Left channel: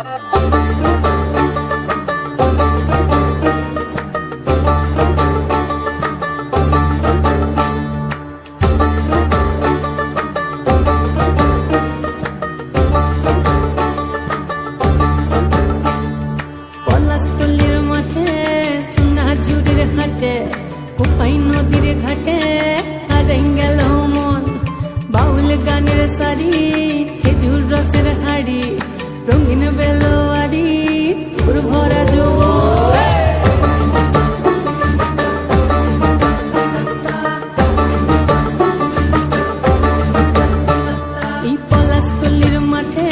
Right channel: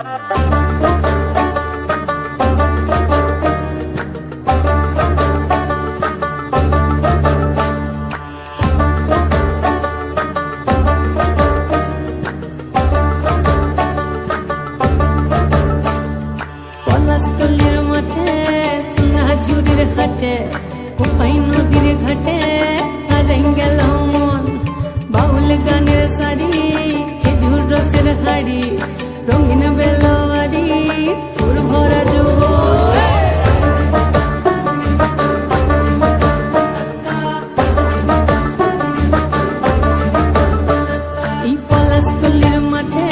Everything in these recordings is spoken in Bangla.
পলাশতলির মাঠে সোনাঝুরির ঘাটে কোপাই নদীর ঘাটে হারাই গেল মন বাউল গানের শাড়ি খেজুর রসের হাড়ি রঙিন বেলোয়ারি তোর ভরা যৌবন এই পলাশতলির মাঠে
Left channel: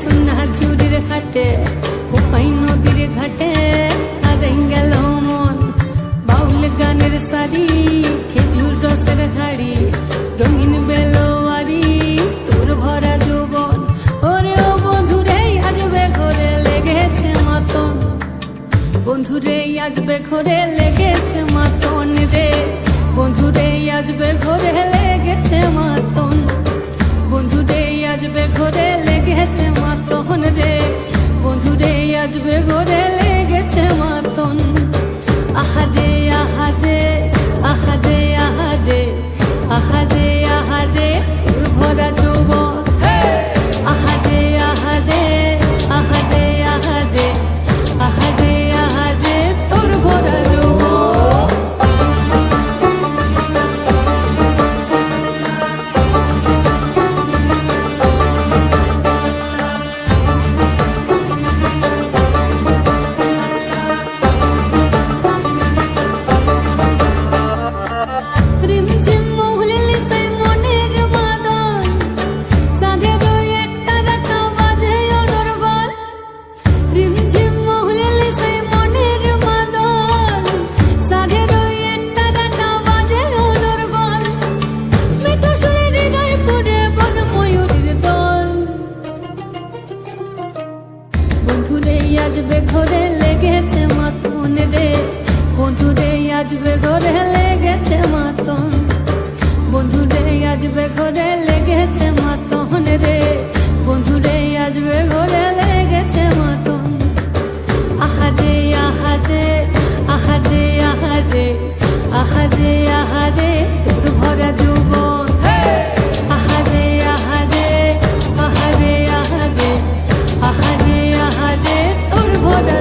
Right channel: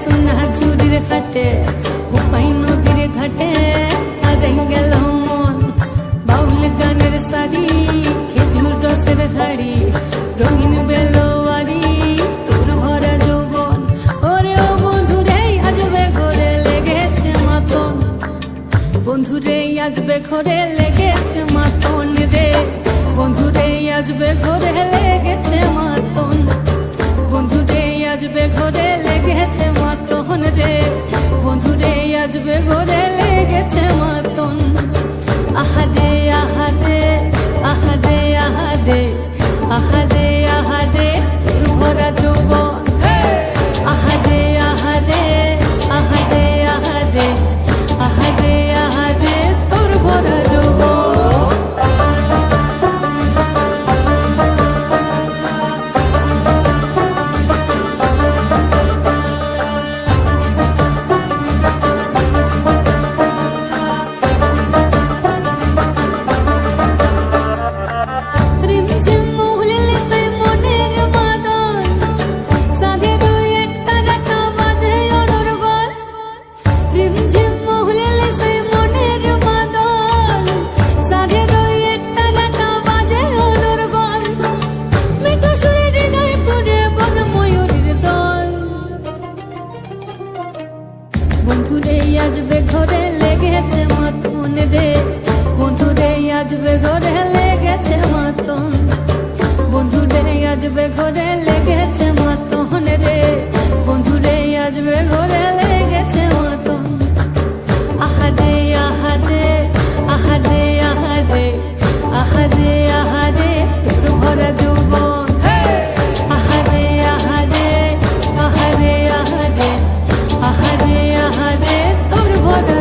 সোনাঝুরির ঘাটে কোপাই নদীর ঘাটে হারাই গেল মন বাউল গানের শাড়ি খেজুর রসের হাড়ি রঙিন বেলোয়ারি তোর ভরা যৌবন ওরে ও বন্ধুরে আজবে ঘরে লেগেছে মাতন বন্ধুরে আজবে ঘরে লেগেছে মাতন রে বন্ধুরে আজবে ঘরে লেগেছে মাতন বন্ধুরে আজবে ঘরে লেগেছে মাতন রে বন্ধুরে আজবে ঘরে লেগেছে মাতন আহারে আহারে আহারে আহারে আহারে আহারে তোর ভরা যৌবন আহারে আহারে আহারে আহারে আহারে আহারে তোর ভরা যৌবন রিমঝিম মহুলিলে সেই মনের মাদল সাধের এক তারাটা বাজে অনর্গল রিমঝিম মহুলিলে সেই মনের মাদল সাধের এক তারাটা বাজে অনর্গল মিঠো সুরে হৃদয় পুরে বন ময়ূরীর দল বন্ধুরে আজবে ঘরে লেগেছে মাতন রে বন্ধুরে আজবে ঘরে লেগেছে মাতন বন্ধুরে আজবে ঘরে লেগেছে মাতন রে বন্ধুরে আজবে ঘরে লেগেছে মাতন আহারে আহারে আহারে আহারে আহারে আহারে তোর ভরা যৌবন আহারে আহারে আহারে আহারে আহারে আহারে তোর ভরা